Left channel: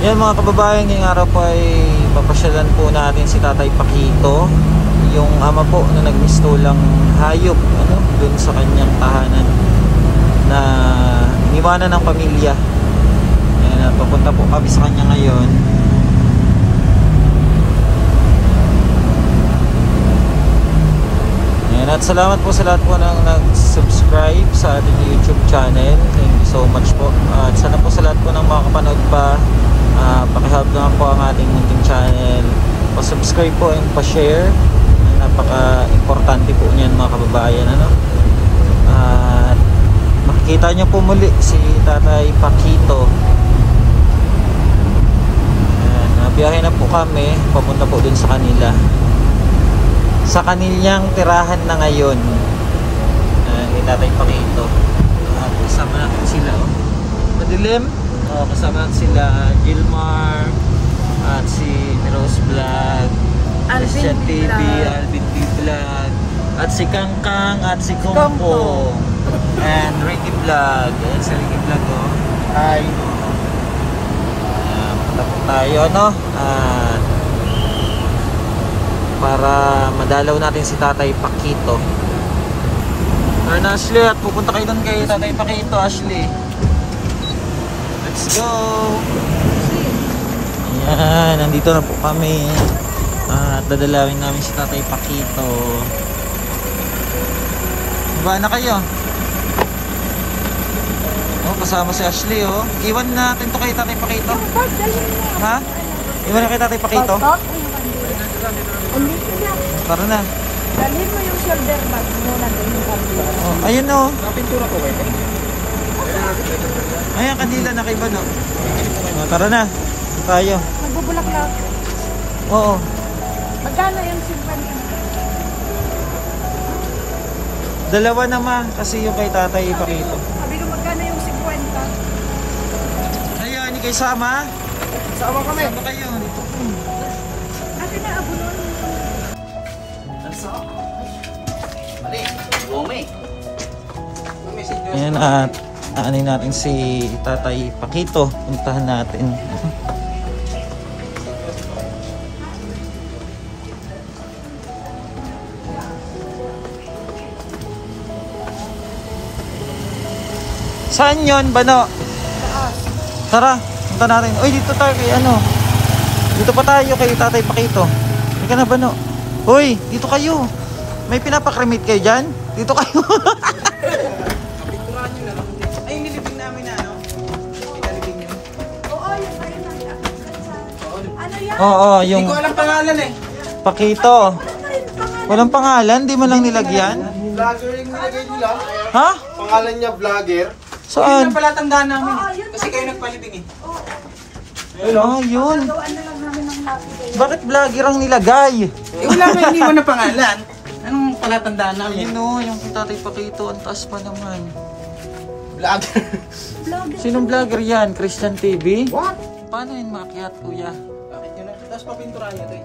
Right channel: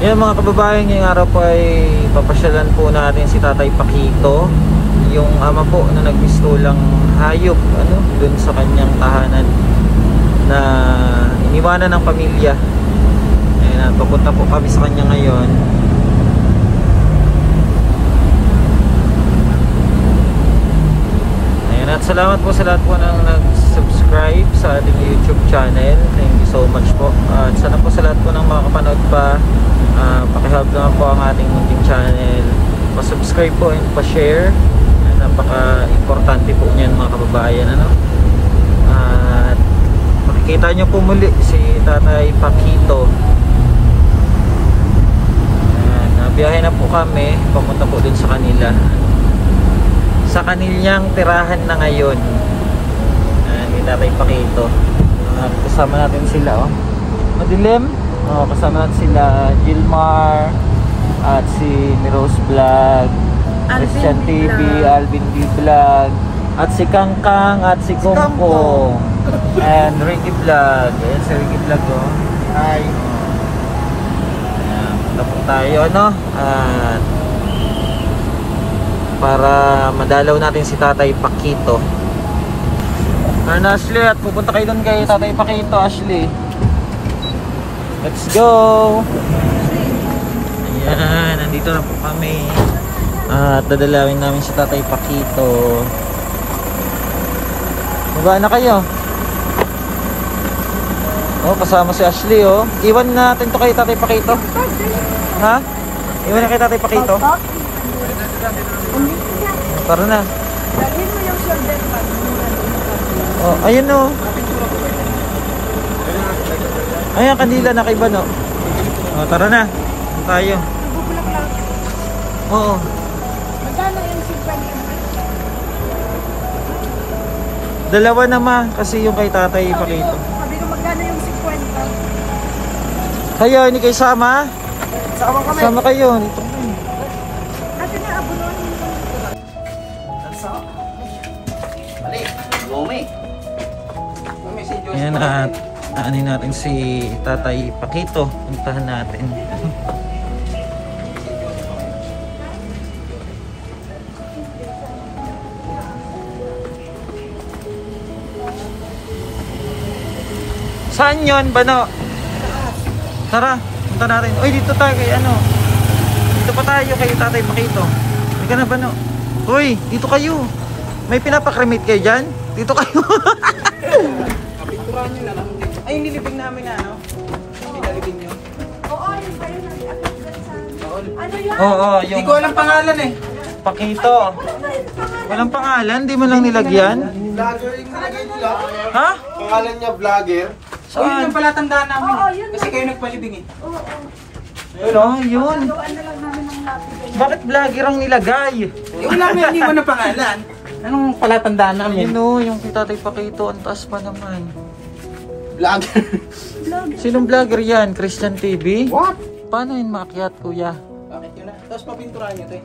Yan mga kababayan, ngayong araw po ay papasyalan po natin si Tatay Paquito, yung ama po na nagmistulang hayop dun sa kanyang tahanan na iniwanan ng pamilya. Ayan, papunta po kami sa kanya ngayon. Ayan, at salamat po sa lahat po ng nag-subscribe sa ating YouTube channel. Thank you so much po. At sana po sa lahat po ng mga kapanood pa, pakihelp naman po ang ating YouTube channel, pa-subscribe po and pa-share. Napaka-importante po niyan mga kababayan, at makikita nyo po muli si Tatay Paquito. Nabiyahe na po kami papunta po dun sa kanila, sa kanilyang tirahan na ngayon, ni Tatay Paquito. Kasama natin sila, madilim. Kasama natin sila Gilmar at si Rose Vlog, Christian TV, Alvin B Vlog, at si Kangkang at si Kumpo, and Ricky Vlog. Ayan si Ricky Vlog, hi. Punta po tayo at para madalaw natin si Tatay Paquito. Turn Ashley, at pupunta kayo doon kay Tatay Paquito, Ashley. Let's go! Yan, nandito na po kami. At dadalawin namin si Tatay Paquito. Baba na kayo. Kasama si Ashley, Iwan natin to kay Tatay Paquito. Ha? Iwan na kay Tatay Paquito. Tara na. Ayun ayan, kanila na kay Bano. Tara na. Tayo. Nagbubulaklak. Oo. Magkano yung 50? Dalawa na kasi yung kay Tatay Paquito. Sabi ko magkano yung 50? Kayo, hindi kayo sama? Sama kami. Sama kayo, dito kami. Ate na, abunuan mo. Tansa. Mali. Gome. Ayan, at aanin natin si Tatay Paquito. Puntahan natin. Saan yun, Bano? Tara, punta natin. Uy, dito tayo kay dito pa tayo kay Tatay Paquito. Hindi ka na, Bano? Uy, dito kayo. May pinapakremate kayo dyan? Dito kayo. Ay, nilibing namin na Oo, yung kayo na. Ano yan? Oo, Hindi yung ko alam pangalan Paquito. Walang pangalan, di mo lang nilagyan? Vlogger yung nilagay nila. Ha? Pangalan niya vlogger. Yun Saan? yung pala tandaan namin. Oo, yun. Kasi kayo nagpalibing Yun. Gawaan na lang namin ng lapis. Bakit vlogger ang nilagay? Wala nga hindi mo na pangalan. Anong pala tandaan namin? Ayun yung kay Tatay Paquito, ang taas pa naman. Vlogger. Sinong vlogger yan? Christian TV? What? Paano yun maakyat, kuya? Bakit yun? Tapos papintura niyo ito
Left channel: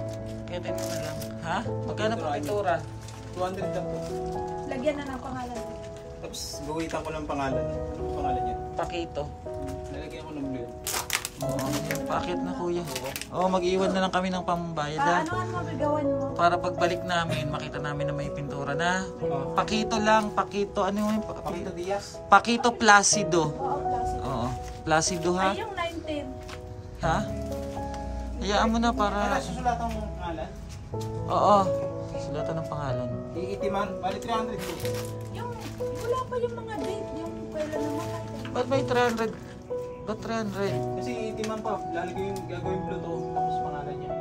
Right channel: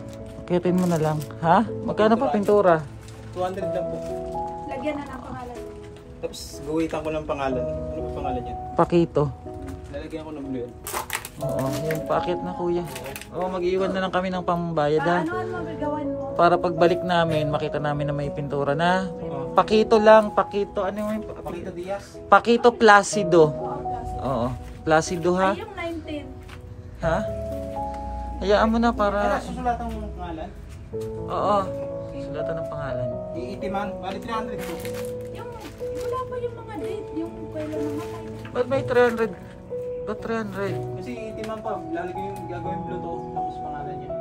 Kitin mo na lang. Ha? Magkano pa pintura? 200 lang po. Lagyan na ng pangalan. Tapos guhitan ko ng pangalan. Ano ba pangalan niya? Paquito. Lalagyan ko ng blue yan. Oo, yan, paakyat na kuya. Oo, mag-iwan na lang kami ng pambayad ha. Ano ang magagawan mo? Para pagbalik namin, makita namin na may pintura na. Paquito lang, Paquito. Ano yung Pakita Diaz. Paquito Placido. Oo, Placido ha. Ay, yung 19. Ha? Hayaan mo na Ano para... susulatan mo ng pangalan? Oo, sulatan ng pangalan. Iitiman. Bali 300 po. Yung, wala pa yung mga date. Yung kailan naman. Ba't may 300? Ba't 300? Kasi iitiman pa. Lalagay yung gagawin blue to. Tapos pangalan niya.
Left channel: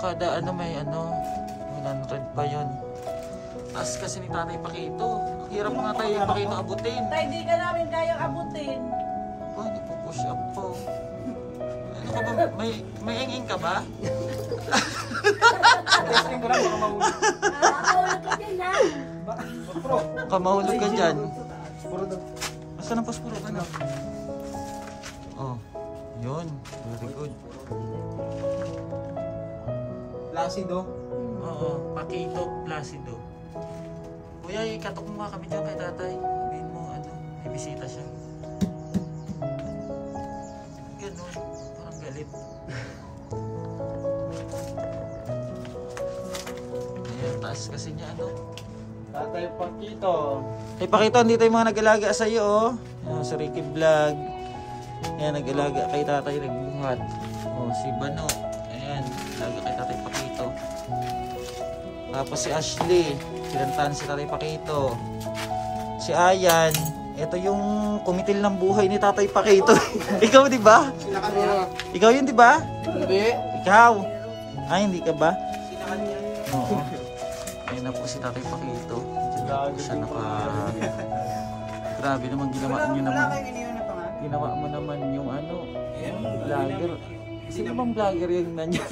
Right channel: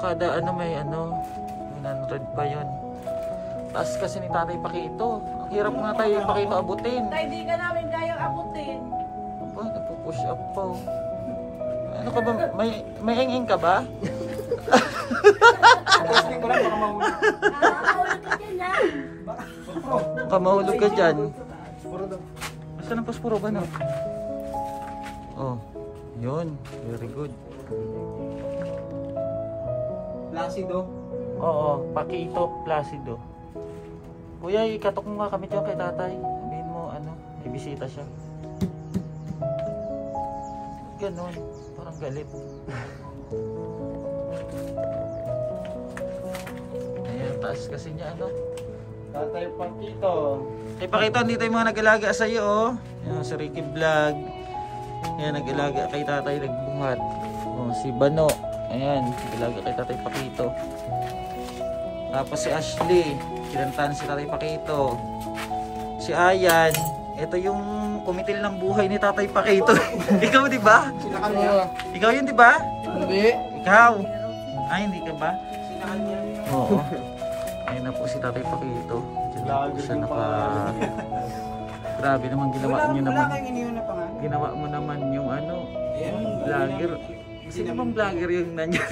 Kada may 100 pa yun. Taas kasi ni Tatay Paquito. Ang hirap nga tayo Paquito abutin. Tay, di ka namin kayo abutin. Ba, napupush up pa. Ano ka ba? May ing-ing ka ba? Testing ko lang baka mahulog. Nakakawag ka dyan ha. Baka mahulog ka dyan. Asa ng posporo ba na? Oh, yun. Very good. Placido. Oo, Paquito Placido. Kuya, ikatok mo nga kami dyan kay tatay. Sabihin mo, ibisita siya. ganun? Parang galit. Ayan, taas kasi niya ano. Tatay Pakito. Kay Pakito, dito yung mga nag-alaga sa'yo, oh. Yan, si Ricky Vlog. Yan, nag-alaga kay tatay, nagbuhat. Oh, si Bano. Ayan, nag-alaga kay tatay Pakito. Tapos si Ashley, kinantahan si tatay Pakito. Si Ayan, ito yung kumitil ng buhay ni tatay Pakito. Ikaw, di ba? Sila kanya. Ikaw yun, di ba? Hindi. Ikaw. Ay, hindi ka ba? Sila kanya. Oo. Ayan na po si tatay Pakito. Diyan na po siya naka... Grabe naman, ginawa nyo naman. Wala kayong iniwan na pangalan. Ginawa mo naman yung ano, yung vlogger. Sino bang vlogger yung nandiyan?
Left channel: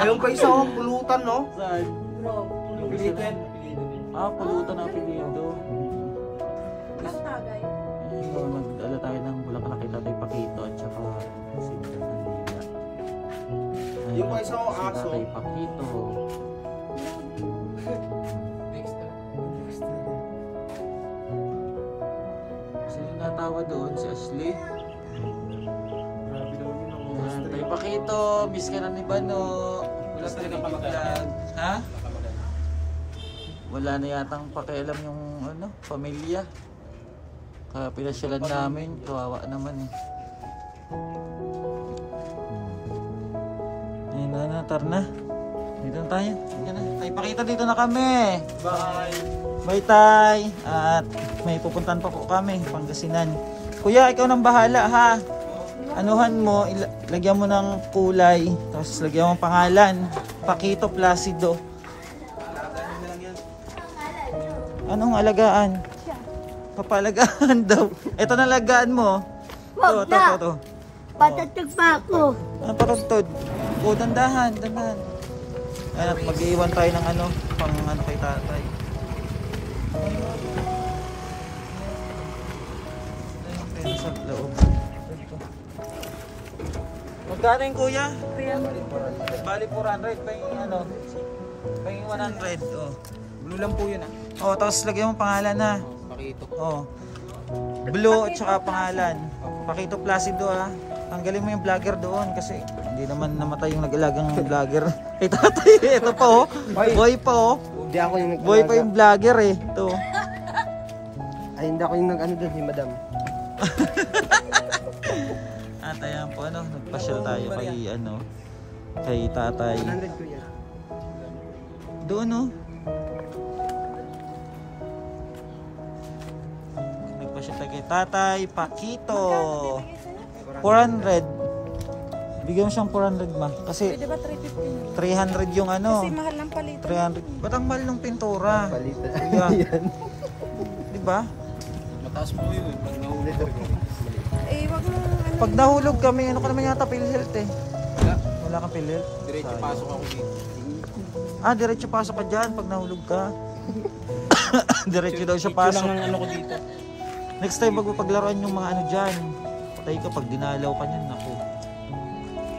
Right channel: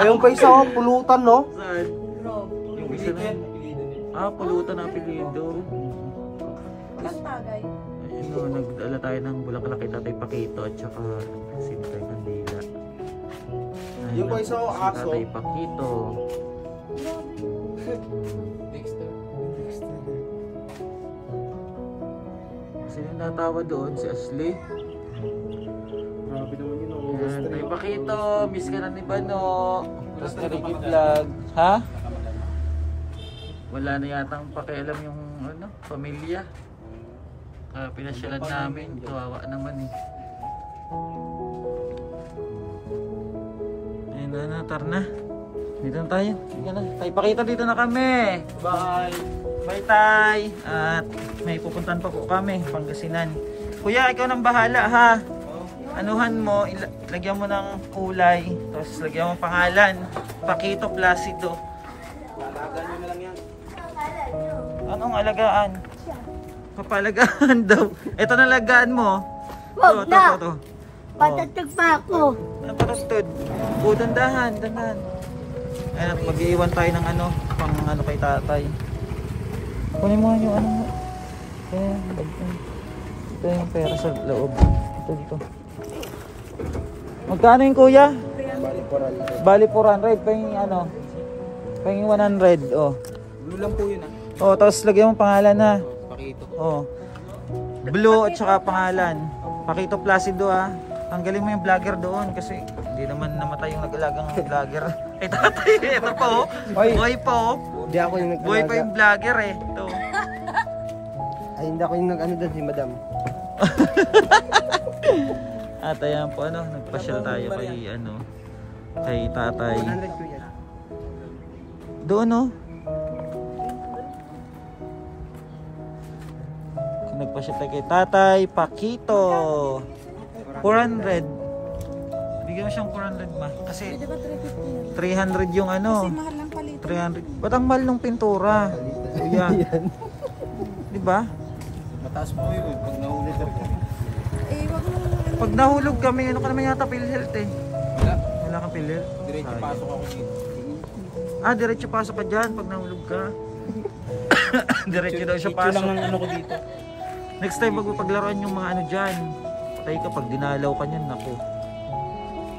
Ayun pa isa oh, pulutan no? Saan? Yung isa na yun. Ah, pulutan na apelido. Ang tagay. Ayun o, nagdala tayo ng bulaklak kay tatay Pakito at saka Sinter Candila. Ayun Yung na pa isa po oh, si aso. tatay Pakito. Dexter. Sino yung natawa doon? Si Ashley? Grabe daw yun. Ayan, tayo Pakito, miss ka na ni Bano. Miss ka Wala ni ka Vlog. mag-alala. Ha? Nakamadala. Wala na yatang pakialam yung ano, pamilya. Kaya pinasyalan namin, kawawa naman eh. Ayun na, tar na. Dito na tayo. Sige na. Tayo Pakito, dito na kami. Bye. Bye tay. At may pupuntahan pa po kami, Pangasinan. Kuya, ikaw nang bahala ha. Anuhan mo, lagyan mo ng kulay, tapos lagyan mo pangalan. Pakito Placido. Alagaan mo na lang yan. Anong alagaan? Papalagaan daw. Ito na alagaan mo. Wag na. To. Patatag pa ako. Ang patugtod. O, dandahan, dandahan. Ayan, at mag-iwan tayo ng ano, pang ano kay tatay. Ano mo yung ano? Ito yung pera sa loob. Ito. Magkano yung kuya? 300. Bali 400 pa yung ano. Pa yung 100, oh. Blue lang po yun ah. Oh, tapos lagyan mo pangalan na. Pakito. Oh. Blue at saka pangalan. Pakito Placido ah. Tanggalin mo yung vlogger doon kasi hindi naman namatay yung nag-alaga ng vlogger. Ito tatay, ito pa oh. Boy pa oh. Hindi ako yung Boy pa yung vlogger eh. Ito. Ay, hindi ako yung nag-ano doon, si madam. At ayan po ano, nagpasyal tayo kay ano, kay tatay. 100 ko yan. Doon oh. Nagpasyal tayo kay tatay Pakito. 400. Bigyan mo siyang 400 ma. Kasi Pwede ba 350 na? 300 yung ano. Kasi mahal ng palitan. 300. Ba't ang mahal ng pintura? Palitan. Kuya. Di ba? Mataas po yun. Pag nahuli ko. Eh, wag mo ano. Pag nahulog kami, ano ka naman yata PhilHealth eh. Wala. Wala kang PhilHealth? Diretso Sayang. pasok ako dito. Ah, diretso pasok ka dyan pag nahulog ka. Diretso daw siya Picture lang pasok. ng ano ko dito. Next time magpapaglaruan yung mga ano dyan. Patay ka pag dinalaw ka niyan, naku.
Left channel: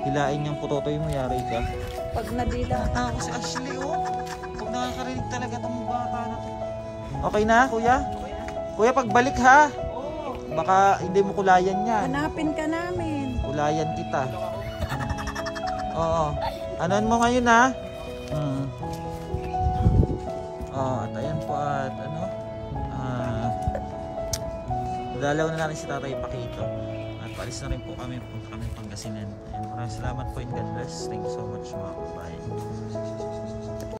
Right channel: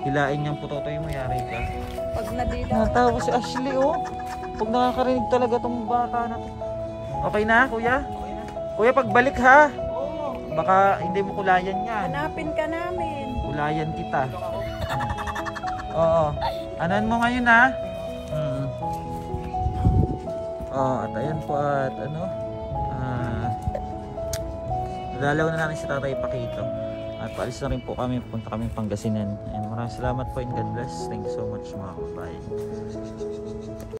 Hilain niyang putotoy mo, yari ka. Pag nadita. Natawa si Ashley oh. Pag nakakarinig talaga tong bata na to. Okay na, kuya? Kuya, pagbalik ha. Baka hindi mo kulayan yan. Hanapin ka namin. Kulayan kita. Oo. Anan mo ngayon ha? At ayan po at ano. Dalaw na natin si Tatay Pakito. At paalis na rin po kami. Punta kami Pangasinan. And maraming salamat po and God bless. Thank you so much mga kabayan.